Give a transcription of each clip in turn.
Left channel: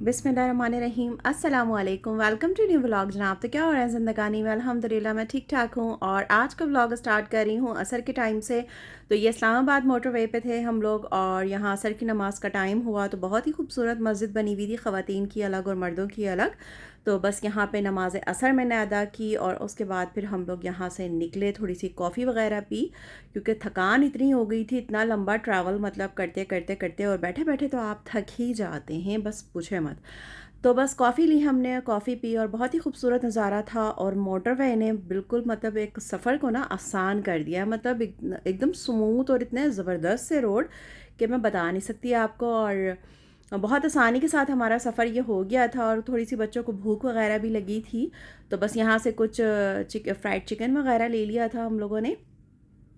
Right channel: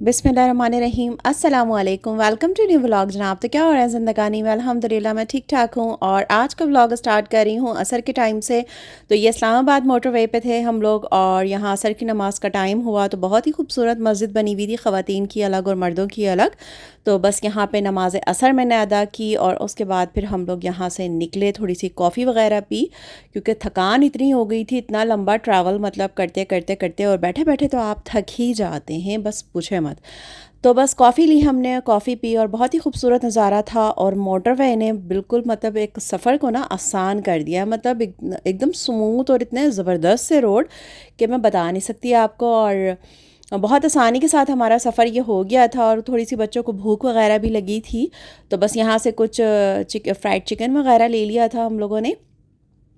बिस्मिल्लाहिर्रहमानिर्रहीम अस्सलाम वालेकुम वेलकम टू न्यू व्लॉग जनाब। तो क्या हो रहा है ज़िंदगानी में? अल्हम्दुलिल्लाह मैं ठीक ठाक हूँ और आज का व्लॉग स्टार्ट कर रही हूँ असर के टाइम से। तो ये इस्लामाबाद मोटरवे पे थे हम लोग और यहाँ असर की नमाज का टाइम हुआ तो बहुत ही खूबसूरत मस्जिद बनी हुई थी, ख़वातीन की अलग और मर्दों की अलग। तो बस यहाँ पे नमाज असर मैंने अदा की और उसके बाद फिर हम लोग यहाँ से निकले, थोड़ी सी कॉफ़ी वगैरह पी क्योंकि थकान इतनी हो गई थी, इतना लंबा ट्रैवल मतलब करते करते करते और बैठे बैठे तो आप थक ही जाते हैं, बस पूछे मत। तो बस कॉफ़ी ली हमने, कॉफ़ी पी और बहुत ही खूबसूरत नज़ारा था और मोटरवे ने बिल्कुल मतलब एक सफ़र को ना आसान कर दिया, मतलब एकदम स्मूथ और इतने ज़बरदस्त से रोड कि मैं बता नहीं सकती आपको। और बहुत आसानी के साथ हमारा सफ़र ये हो गया था और थोड़ी सी बच्चों को भूख वगैरह भी लगी थी तो बस यहाँ से कुछ फ्राइड चिकन वगैरह ले लिया था हम लोगों ने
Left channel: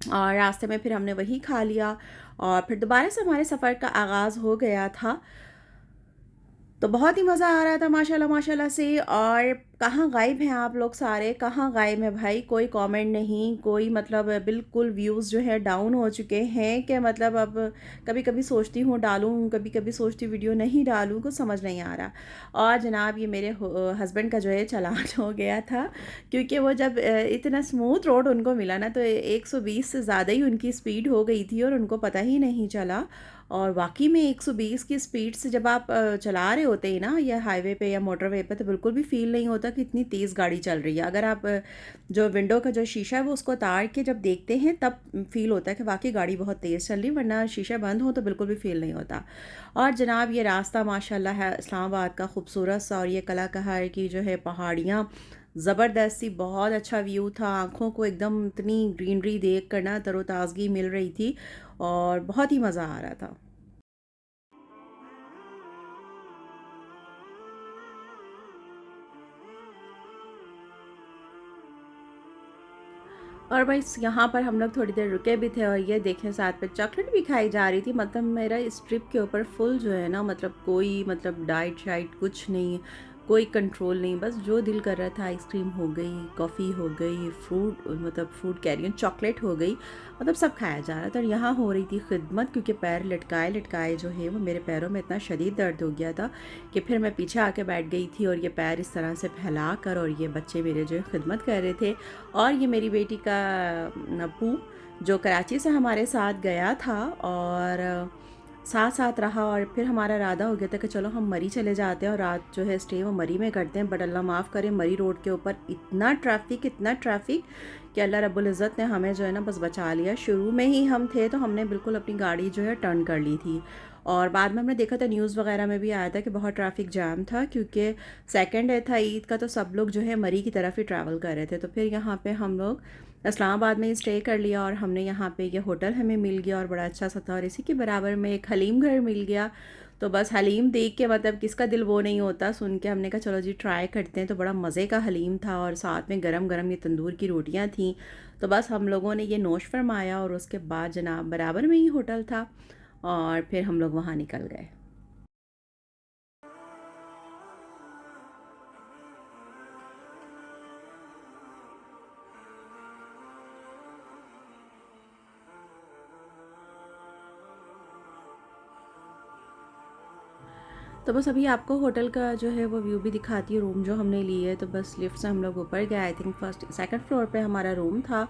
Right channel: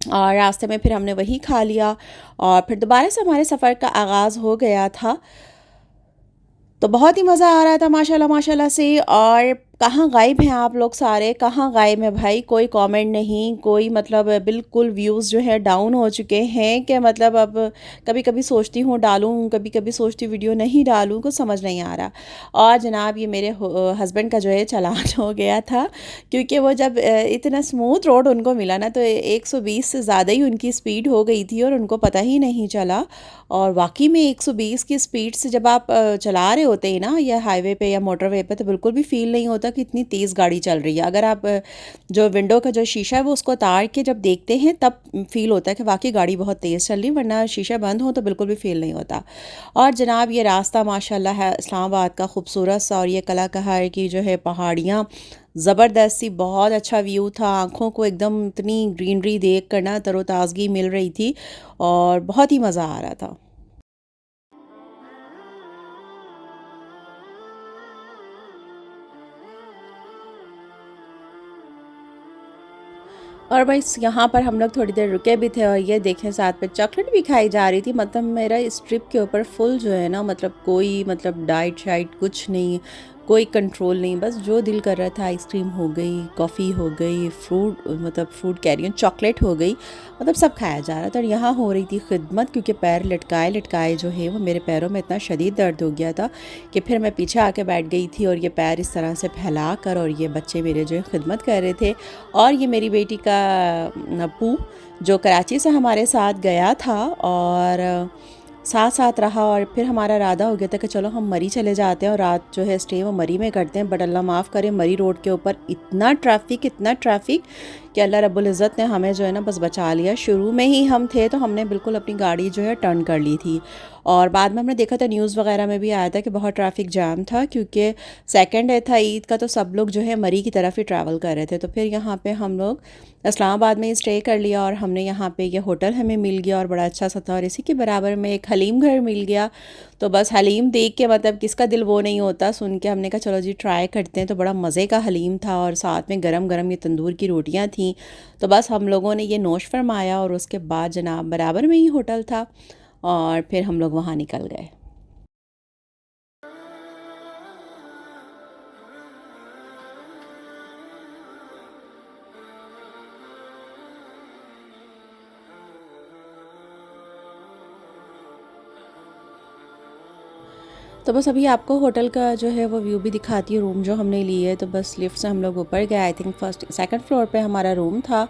और रास्ते में फिर हमने वही खा लिया और फिर दोबारा से हमारे सफ़र का आगाज़ हो गया था। तो बहुत ही मज़ा आ रहा था माशाल्लाह माशाल्लाह से। और कहाँ गायब हैं आप लोग सारे, कहाँ गायब हैं भाई? कोई कमेंट नहीं, कोई मतलब बिल्कुल व्यूज़ जो है डाउन हो चुके हैं कि मतलब अब कभी कभी सोचती हूँ डालूँ, कभी कभी सोचती वीडियो नहीं डालूँ, कुछ समझ नहीं आ रहा। और जनाब ये मेरे हस्बैंड का जो है चालान हो गया था क्योंकि वो जब इतना स्मूथ रोड उनको मिला ना तो 120 से ज़्यादा ही उनकी स्पीड हो गई थी और उनको पता ही नहीं चला। और वाकई में 120 की स्पीड से जब आप चला रहे होते हैं ना या हाईवे पे या मोटरवे पे तो बिल्कुल भी फील नहीं होता कि इतनी तेज़ गाड़ी चल रही है। अगर आप जो विंडो का जो शीशा है वो उसको उतार के जब देखते हैं तब फील होता है कि वाकई गाड़ी बहुत तेज़ चल रही है, वरना शीशा बंद हो तो बिल्कुल भी फील नहीं होता। और जनाब ये रास्ता माशाल्लाह है इस्लामाबाद का खूबसूरत सा और ये कला कहार की जो है पहाड़ियाँ ज़बरदस्त सी, बहुत अच्छा व्यू था। आँखों को एकदम इतनी ग्रीनरी देख कर ना तरोताज़गी मिल रही थी और बहुत ही मज़ा आ रहा था। और भाई यहाँ पर हम लोग थोड़ी देर रुके भी थे और ये देखें साथ में चॉकलेट भी खाई जा रही थी। मतलब मेरा इस ट्रिप के ऊपर फुल जो है ना, मतलब कोई मतलब डाइट शाइट कुछ नहीं, कोई कंट्रोल नहीं, बस जो दिल कर रहा था आइसक्रीम हो गई, कॉफ़ी हो गई, फ्रूट मतलब फ्रूट कैरियन चॉकलेट हो गई, मतलब सब खाया जा रहा था। और यहाँ हो रही थी खिदमत क्योंकि पैर लटकाए लटकाए जो है वो मेरे पैरों में इतना शदीद दर्द हो गया था कि फिर मैं पीछे आके बैठ गई थी और ये पैर इस तरह से फैला कर और ये बच्चे मेरे जो है खिदमत कर रहे थे। और ये मेरी बेटी का नप्पू जो कराची से हमारे साथ गया था और साथ साथ रहा और फिर हमारा इरादा हो गया था कि चलो हम मरी चले जाते हैं और रात जो है स्टे वो मरी में करते हैं। बट अल्लाह माफ़ करे, मरी रोड के ऊपर इतना ट्रैफिक कि अल्लाह रब्बुल इज़्ज़त ने हमें जो है ना बस बचा लिया। शुरू में ही हम थे तो हमने बिल्कुल अपनी गाड़ी जो है टर्न कर ली थी और बाद में हमने देखा था न्यूज़ वगैरह में भी आया था कि बहुत ट्रैफिक जाम था क्योंकि सेकंड डे था ईद का तो सब लोग जो है मरी की तरफ ही ट्रैवल कर रहे थे। तो फिर यहाँ पे हम लोग इस्लामाबाद में स्टे कर लिया और हमने यहाँ पे ये होटल हमें मिल गया और बड़ा अच्छा सा था और इसी के बराबर में एक हलीम घर मिल गया। तो बस हलीम देख के मतलब किसका दिल वो नहीं होता, सुन के हमने कहा चलो जी ट्राई करते हैं। तो बड़ा मज़े का हलीम था और साथ में गरम गरम ये तंदूर की रोटियां थीं। तो बस हम लोगों ने ये नोश फरमाया और उसके बाद जनाब बराबर में ही होटल था और फिर हम लोग वहाँ निकल गए। तो बस अभी आपको होटल का जो है वो व्यू भी दिखाती हूँ, रूम जो हमने लिए है। तो बस लिफ्ट से हम लोग ऊपर गए, I think first second floor पे हमारा रूम था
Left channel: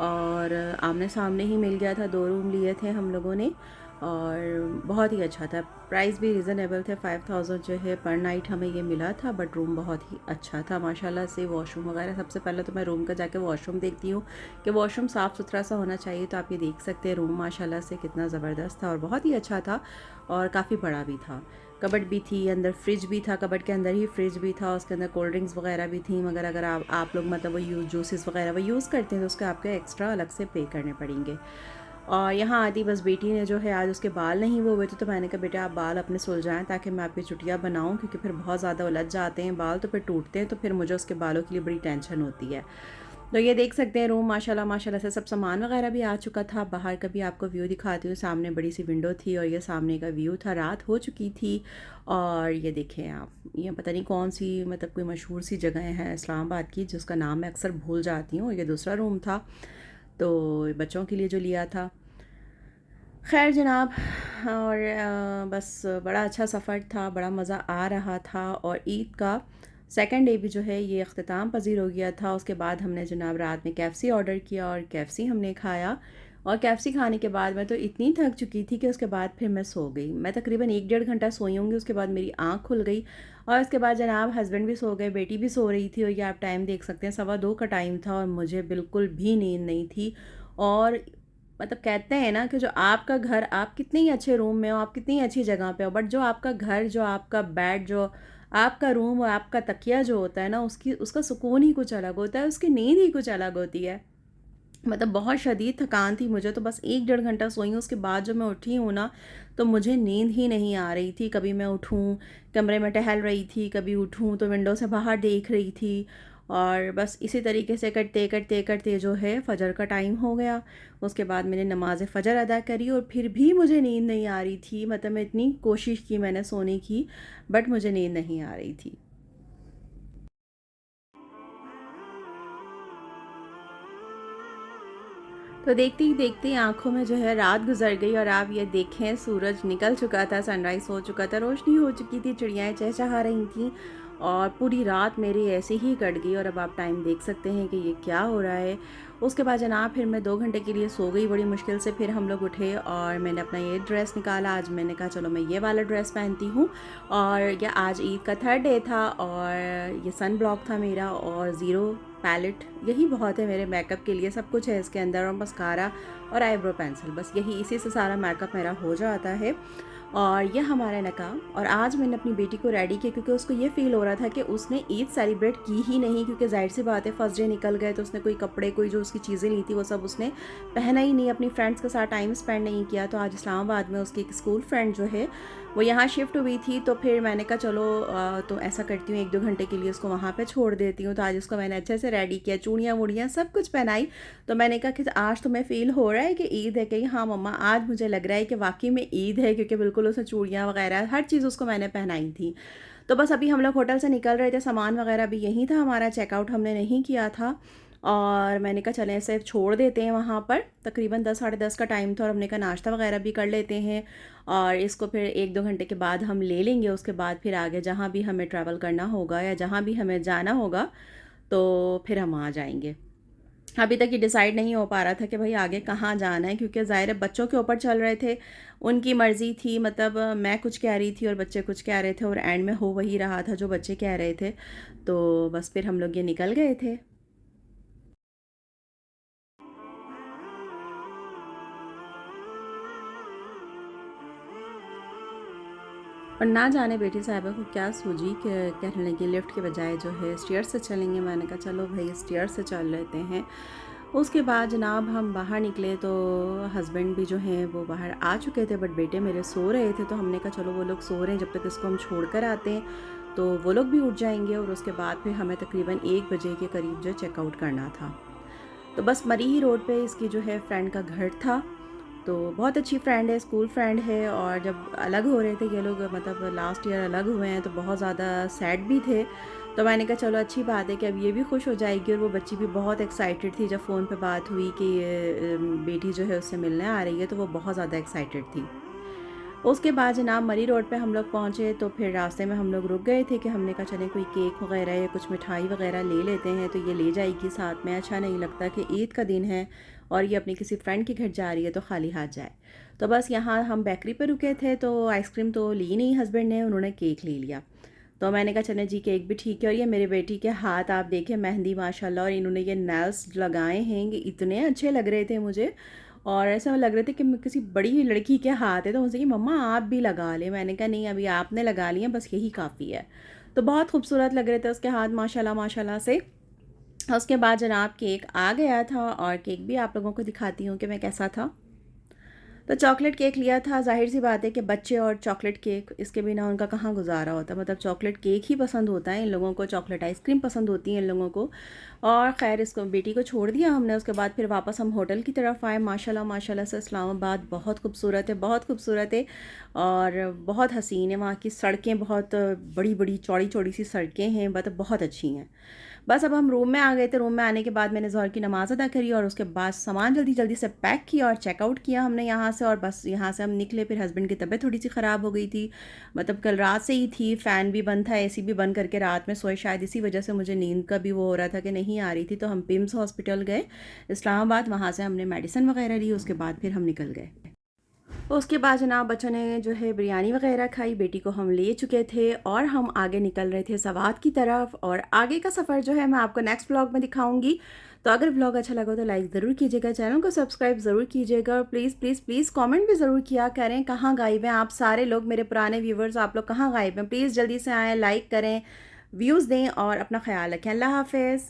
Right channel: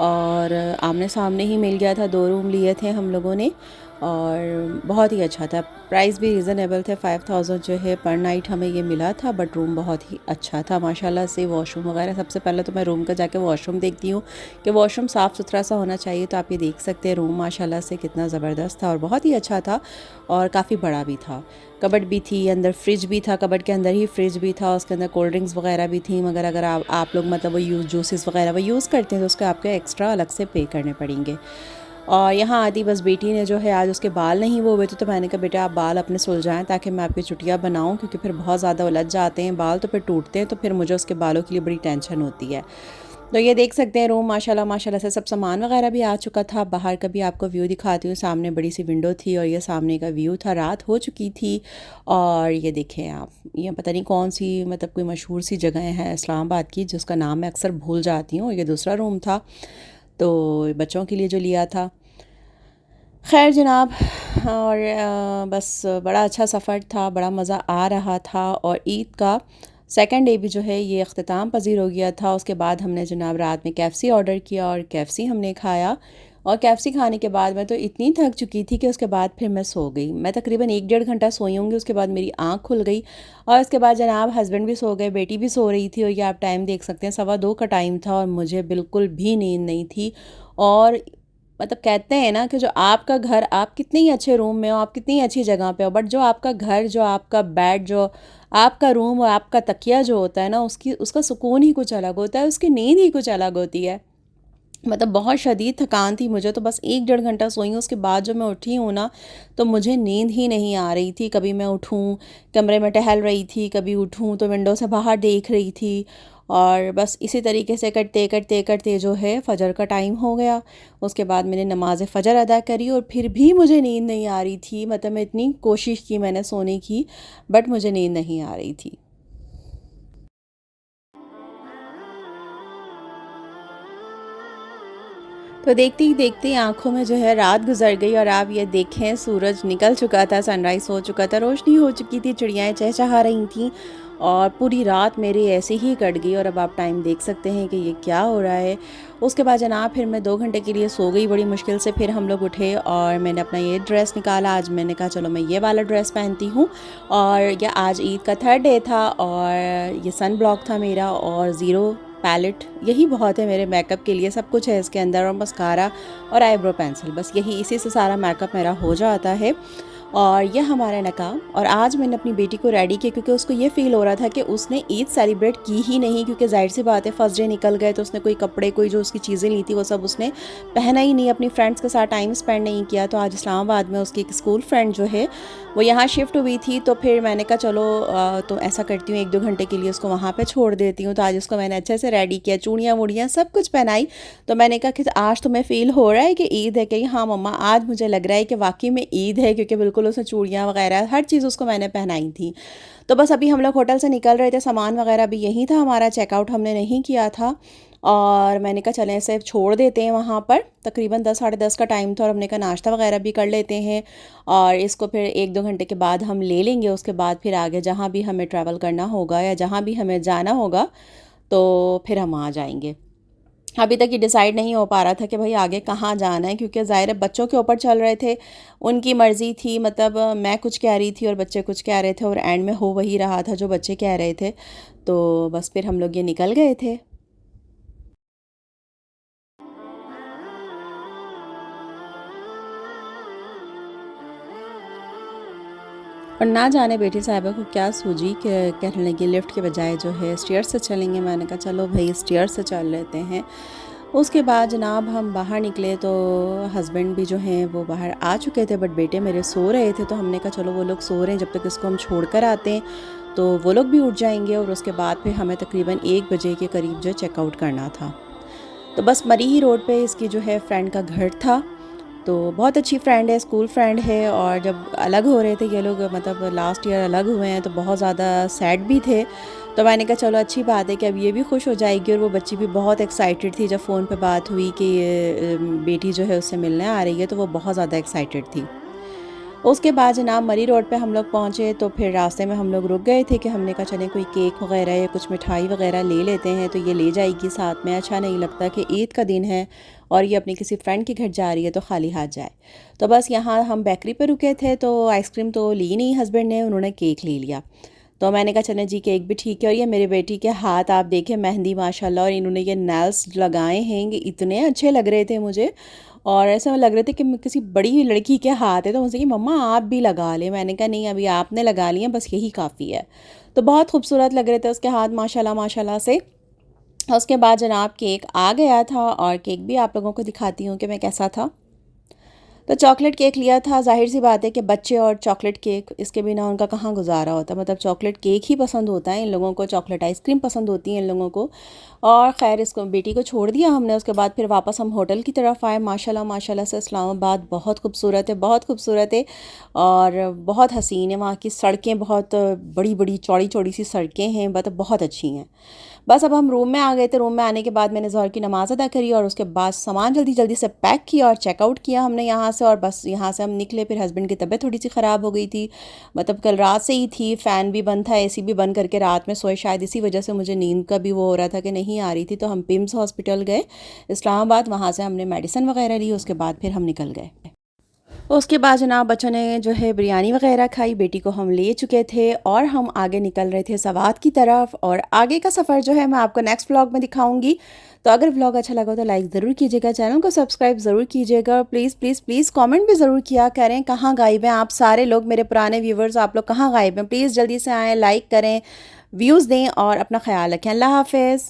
और आमने सामने ही मिल गया था। 2 रूम लिए थे हम लोगों ने और बहुत ही अच्छा था, प्राइस भी रीज़नेबल थे। 5000 जो है पर नाइट हमें ये मिला था, बट रूम बहुत ही अच्छा था माशाल्लाह से। वॉशरूम वगैरह, सबसे पहले तो मैं रूम का जाके वॉशरूम देखती हूँ कि वॉशरूम साफ़ सुथरा सा होना चाहिए। तो आप ये देख सकते हैं रूम माशाल्लाह से कितना ज़बरदस्त था और बहुत ही अच्छा था और काफ़ी बड़ा भी था। कबर्ड भी थी, अंदर फ्रिज भी था, कबर्ड के अंदर ही फ्रिज भी था, उसके अंदर कोल्ड ड्रिंक्स वगैरह भी थी। मगर अगर आप लोग मतलब वो जूसेस वगैरह वो यूज़ करते हैं तो उसके आपको एक्स्ट्रा अलग से पे करने पड़ेंगे। और यहाँ आती बस बेटी ने जो है, आज उसके बाल नहीं वो हुए थे तो मैंने कहा बेटा आप बाल अपने सुलझाएं ताकि मैं आपकी चुटिया बनाऊँ, क्योंकि फिर बहुत ज़्यादा उलझ जाते हैं बाल तो फिर टूटते हैं, तो फिर मुझे उसके बालों के लिए बड़ी टेंशन होती है। तो ये देख सकते हैं रूम माशाल्लाह माशाल्लाह से सब सामान वगैरह भी आ चुका था। बाहर का भी आपको व्यू दिखाती हूँ, सामने बड़ी सी विंडो थी और ये सामने का व्यू था। रात हो चुकी थी और ये देखें आप, ये पता नहीं कौन सी मतलब कोई मशहूर सी जगह है इस्लामाबाद की जिसका नाम मैं अक्सर भूल जाती हूँ। ये दूसरा रूम था तो बच्चों के लिए जो लिया था। ख़ैर जनाब, और बस बड़ा अच्छा सफ़र था, बड़ा मज़ा आ रहा था और ईद का सेकंड डे भी जो है ये अख्तिताम पज़ीर हो गया था। उसके बाद हमने जनाब रात में केएफसी ऑर्डर किया और केएफसी हमने खाया और केएफसी खाने के बाद मैं तो इतनी थक चुकी थी कि उसके बाद फिर मैं सो गई। मैं तकरीबन 1 डेढ़ घंटा सोई होंगी, उसके बाद मेरी आँख खुल गई और उसके बाद जनाब हस्बैंड भी सो गए, बेटी भी सो रही थी और ये आप टाइम देख सकते हैं 2:15 का टाइम था और मुझे बिल्कुल भी नींद नहीं थी। और मतलब कहते हैं ना कि जो आपका घर, आप कितने ही अच्छे रूम में हो, आप कितनी अच्छी जगह पे हो, बट जो आपका घर, जो आपका बेड, जो आपका रूम और आपका तकिया जो होता है ना, उसकी उसका सुकून ही कुछ अलग होता है, उसकी नींद ही कुछ अलग होती है। मतलब बहुत शदीद थकान थी मुझे, तो बस 1 डेढ़ घंटा सोई हूँ। उसके बाद जो मैं उठी हूँ ना, तो मुझे नींद ही नहीं आ रही थी। कभी मैं उठूँ, कमरे में टहल रही थी, कभी उठूँ तो विंडो से बाहर देख रही थी और बस इसी तरीके से करते करते करते जो है फ़जर का टाइम हो गया। उसके बाद मैंने नमाज़ फ़जर अदा करी और फिर भी मुझे नींद नहीं आ रही थी। मतलब मैं इतनी कोशिश की मैंने सोने की, बट मुझे नींद नहीं आ रही थी। तो देखते ही देखते आँखों में जो है रात गुज़र गई और आप ये देखें सूरज निकल चुका था, सनराइज़ हो चुका था, रोशनी हो चुकी थी, चिड़ियाएँ चहचहा रही थीं और पूरी रात मेरी ऐसे ही कट गई और अब आप टाइम देख सकते हैं कि ये क्या हो रहा है। उसके बाद जनाब फिर मैं 2 घंटे के लिए सो गई बड़ी मुश्किल से, फिर हम लोग उठे और मैंने अपना ये ड्रेस निकाला। आज मैंने कहा चलो मैं ये वाला ड्रेस पहनती हूँ और ये आज ईद का थर्ड डे था और ये सन ब्लॉक था मेरा और ज़ीरो पैलेट, यही बहुत है मेरे मेकअप के लिए। सब कुछ है इसके अंदर और मस्कारा और आईब्रो पेंसिल, बस यही, इसी से सारा मेकअप मेरा हो जाता है। और यह हमारा नकाब। और आज मैंने अपनी बेटी को रेडी किया क्योंकि उसको ये फ़ील हो रहा था कि उसने ईद सेलिब्रेट की ही नहीं, क्योंकि ज़ाहिर सी बात है फर्स्ट डे निकल गए तो उसने कोई कपड़े, कोई जो उसकी चीज़ें ली थी वो सब उसने पहना ही नहीं, अपनी फ्रेंड्स के साथ टाइम स्पेंड नहीं किया। तो आज इस्लामाबाद में उसकी एक स्कूल फ्रेंड जो है वो यहाँ शिफ्ट हुई थी, तो फिर मैंने कहा चलो तो ऐसा करती हूँ 1-2 घंटे के लिए उसको वहाँ पे छोड़ देती हूँ। तो आज उसको मैंने अच्छे से रेडी किया, चूड़ियाँ वूड़ियाँ सब कुछ पहनाई। तो मैंने कहा कि आज तुम्हें फ़ील हो रहा है कि ईद है? कही हाँ मम्मा, आज मुझे लग रहा है कि वाक़ई में ईद है, क्योंकि बिल्कुल उसने चूड़ियाँ वग़ैरह हर चीज़ उसको मैंने पहनाई थी। तो बस अभी हम लोग होटल से निकल रहे थे, सामान वग़ैरह भी यहीं था, हमारा चेकआउट हमने नहीं किया था और मैंने कहा चलें इसे छोड़ देते हैं वहाँ पर। तकरीबन 10 साढ़े 10 का टाइम था और हमने कहा नाश्ता वग़ैरह भी कर लेते हैं और इसको फिर 1-2 घंटे के बाद हम ले लेंगे। उसके बाद फिर आगे जहाँ भी हमें ट्रैवल करना होगा या जहाँ भी हमें जाना होगा, तो फिर हम वहाँ जाएँगे। अभी तक ये डिसाइड नहीं हो पा रहा था कि भाई आगे कहाँ जाना है, क्योंकि ज़ाहिर है बच्चों के ऊपर चल रहे थे, उनकी मर्ज़ी थी। मतलब मैं कुछ कह रही थी और बच्चे कुछ कह रहे थे और एंड में हो वही रहा था जो बच्चे कह रहे थे। तो बस फिर हम लोग ये निकल गए थे। और ना जाने बेटी साहिबा को क्या सूझी कि कहने लगी लिफ्ट के बजाय जो है स्टेयर्स से चलेंगे। मैंने कहा चलो भाई स्टेयर्स से चल लेते हैं। उसके बाद जनाब हम बाहर निकले तो हस्बैंड भी जो हैं वो बाहर आ चुके थे, बट बेटे मेरे सो रहे थे। तो हमने कहा चलो वो लोग सो रहे हैं, जब तक इसको हम छोड़ कर आते हैं तो वो लोग भी उठ जाएंगे और उसके बाद फिर हमें तकरीबन 1 बजे के करीब जो चेकआउट करना था। तो बस मरी ही रोड पे इसकी जो है फ्रेंड का घर था। तो बहुत अच्छी फ्रेंड है, स्कूल फ्रेंड है और जब अलग हो रहे थे ये लोग, मतलब लास्ट ईयर अलग हुए हैं, तो बहुत ज़्यादा सैड भी थे। तो मैंने कहा चलो अच्छी बात है कि अब ये भी खुश हो जाएगी। और वो बच्ची भी बहुत एक्साइटेड थी, जब फ़ोन पे बात हुई कि ये बेटी जो है उससे मिलने आ रही है, तो वो बहुत ज़्यादा एक्साइटेड थी। उसके बाद जनाब मरी रोड पे हम लोग पहुँचे तो फिर रास्ते में हम लोग रुक गए थे कि हमने कहा चलें कोई केक वगैरह या कुछ मिठाई वगैरह ले लेते हैं, तो ये ले जाएगी साथ में। अच्छा नहीं लगता कि ईद का दिन है और ये अपनी किसी फ्रेंड के घर जा रही है तो खाली हाथ जाए। तो बस यहाँ हम बेकरी पे रुके थे, तो आइसक्रीम तो ली नहीं हस्बैंड ने, उन्होंने केक ले लिया। तो मैंने कहा चलें जी केक भी ठीक है। और ये मेरी बेटी के हाथ आप देखें, मेहंदी माशाल्लाह, और इन्होंने ये नेल्स लगाए हैं, ये इतने अच्छे लग रहे थे मुझे और ऐसा लग रहे थे कि किसी बड़ी लड़की के हाथ है। तो मुझसे कि मम्मा आप भी लगा लें। मैंने कहा नहीं, अभी आपने लगा लिए, बस यही काफ़ी है। तो बहुत खूबसूरत लग रहे थे उसके हाथ माशाल्लाह माशाल्लाह से। उसके बाद जनाब केक आ गया था और केक भी आप लोगों को दिखाती हूँ कि मैं कैसा था। तो चॉकलेट केक लिया था। ज़ाहिर सी बात है कि बच्चे और चॉकलेट केक, इसके बिना उनका कहाँ गुजारा होता। मतलब चॉकलेट केक ही पसंद होता है इन लोगों को, चॉकलेट आइसक्रीम पसंद होती है इन लोगों को। और ख़ैर इसको बेटी को छोड़ दिया हमने। उसके बाद फिर वापस हम होटल की तरफ आए। माशाल्लाह माशाल्लाह से इस्लामाबाद बहुत खूबसूरत है, बहुत खूबसूरत है और बहुत हसीन है। वहाँ की सड़कें बहुत बड़ी बड़ी चौड़ी चौड़ी सी सड़कें हैं, मतलब बहुत अच्छी हैं। बस अब हम रूम में आ गए थे। रूम में आने के बाद मैंने ज़ोहर की नमाज़ अदा करी और उसके बाद सामान जल्दी जल्दी से पैक किया और चेकआउट किया हमने यहाँ से और बस यहाँ से हम निकले। फिर हस्बैंड की तबीयत थोड़ी सी ख़राब हो गई थी, मतलब कल रात से ही थी, फ़ैन भी बंद था, एसी भी बंद करके रात में सोए, शायद इसी वजह से मुझे नींद का भी वो हो रहा था कि नहीं आ रही थी। तो हम पिम्स हॉस्पिटल गए इस्लामाबाद, वहाँ से हमने मेडिसिन वगैरह ली, उसके बाद फिर हम निकल गए। उसके बाद जनाब बच्चों ने जो है बिरयानी वगैरह खाई, बेटी को हम ले चुके थे और हम आगे निकल रहे थे सवात की तरफ। और आगे का सफ़र जो है मैं आपको नेक्स्ट व्लॉग में दिखाऊंगी। तो अगर व्लॉग अच्छा लगा तो लाइक ज़रूर कीजिएगा, चैनल को सब्सक्राइब ज़रूर कीजिएगा, प्लीज़ प्लीज़ प्लीज़ कमेंट भी ज़रूर किया करें कहाँ गायब हैं आप सारे लोग, मेरे पुराने व्यूवर्स, आप लोग कहाँ गायब हैं, प्लीज़ जल्दी से आएँ, लाइक करें, व्यूज़ दें और अपना ख्याल रखें। अल्लाह हाफ़िज़।